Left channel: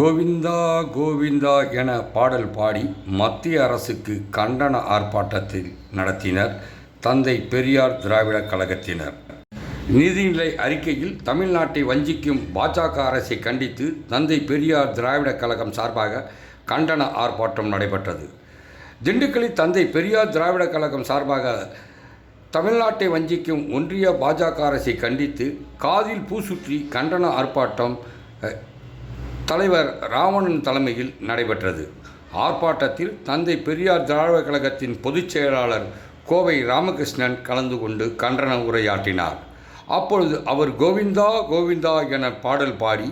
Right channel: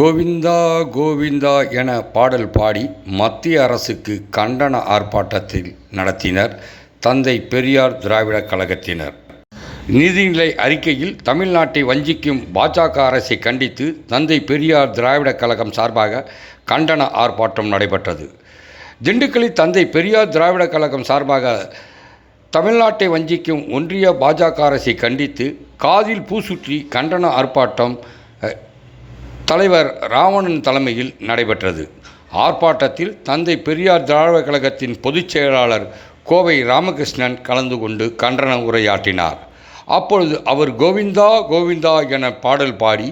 கோவிந்தா கோவிந்தா என பாடல் பாடி மத்திய அரசுக்கு கண்டன ஆர்ப்பாட்டத்தில் நடத்தினர் தந்தை பெரியார் திராவிடர் கழகத்தினர். நிதிநிலை அறிக்கையில் தமிழ்நாட்டை வஞ்சிக்கும் பாஜக அரசை கண்டித்து தந்தை பெரியார் திராவிடர் கழகம் சார்பாக கண்டன ஆர்ப்பாட்டம் நடைபெற்றது. திண்டுக்கல்லில் தந்தை பெரியார் திராவிடர் கழகம் சார்பாக தமிழ்நாட்டை வஞ்சிக்கும் ஒன்றிய பாஜக அரசை கண்டித்து காதில் பூ சுற்றி கண்டன ஆர்ப்பாட்டம் தலைவர் ராவணன் தலைமையில் நடைபெற்றது. ஆர்ப்பாட்டத்தில் தந்தை பெரியார் திராவிடர் கழகத்தின் பொதுச் செயலாளர் கோவை ராமகிருஷ்ணன் கலந்து கொண்டு கண்டன உரையாற்றினார். அப்பொழுது அவர் கோவிந்தா கோவிந்தா என பாடல் பாடி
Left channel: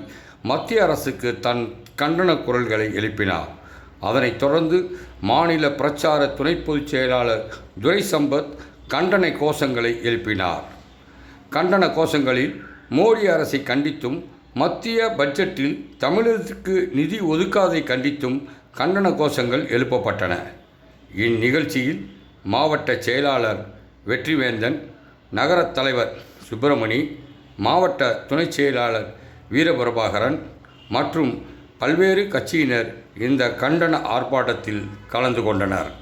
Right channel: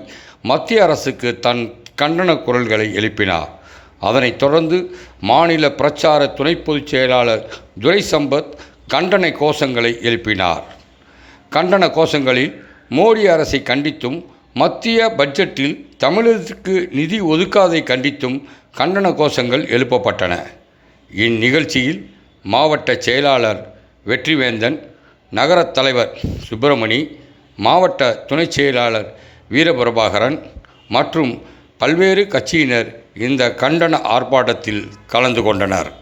மத்திய அரசுக்கு தன் கண்டன குரல்களை எழுப்பினார். அதனைத் தொடர்ந்து மாநில பிரச்சார துணை பொதுச் செயலாளர் துரை சம்பத் கண்டன கோஷங்களை எழுப்பினார். கண்டன கோஷங்களில் மோடி அரசை கண்டித்தும் மத்திய பட்ஜெட்டில் தமிழகத்திற்கு நிதி ஒதுக்காதை கண்டித்தும் கண்டன கோஷங்கள் எழுப்பப்பட்டன. இந்நிகழ்ச்சியில் மாவட்ட செயலாளர் வெற்றிவேந்தன், நகரத் தலைவர் சுப்பிரமணி, மாவட்ட துணைச் செயலாளர் வீரபிரபாகரன் மற்றும் பல்வேறு கட்சியினர் இந்த கண்டன ஆர்ப்பாட்டத்தில் கலந்து கொண்டனர்.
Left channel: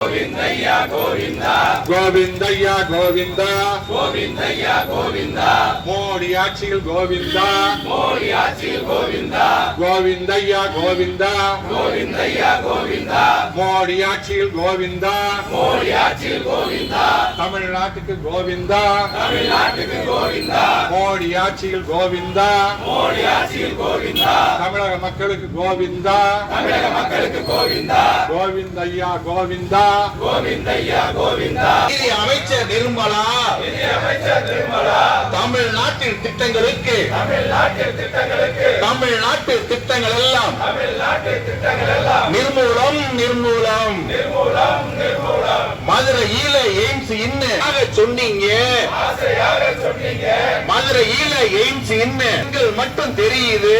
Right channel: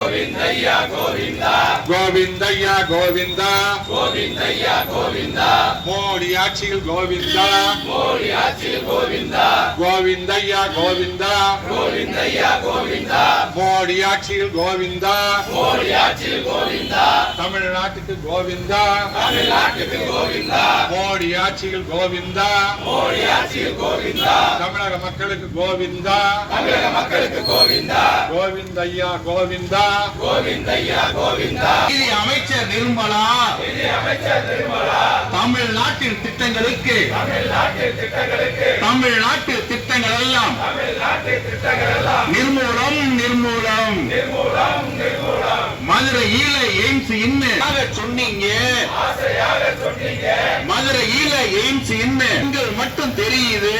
கோவிந்தையா கோவிந்தா கோவிந்தையா கோவிந்தா கோவிந்தையா கோவிந்தா மோடி ஆட்சியில் கோவிந்தா மோடி ஆட்சியில் கோவிந்தா கோவிந்தையா கோவிந்தா கோவிந்தையா கோவிந்தா மோடி ஆட்சியில் கோவிந்தா மோடி ஆட்சியில் கோவிந்தா தமிழ்நாட்டுக்கு கோவிந்தா தமிழ்நாட்டுக்கு கோவிந்தா மோடி ஆட்சியில் கோவிந்தா மோடி ஆட்சியில் கோவிந்தா தமிழக மக்களுக்கு கோவிந்தா தமிழக மக்களுக்கு கோவிந்தா கோவிந்தையா கோவிந்தா கோவிந்தையா கோவிந்தா நிதி அமைச்சர் நிர்மலா தமிழ்நாட்டின் திட்டங்களுக்கு தமிழ்நாட்டு திட்டங்கள் எல்லாம் நிர்மூலம் நிர்மூலம் மதுரையில எய்ம்ஸ் சொன்னீங்க மதுரையில எய்ம்ஸ் செங்கல் மட்டும் தெரியுது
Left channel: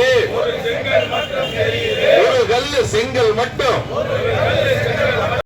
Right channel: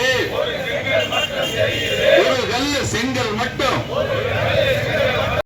ஒரு கல்லு செங்கல் மட்டும்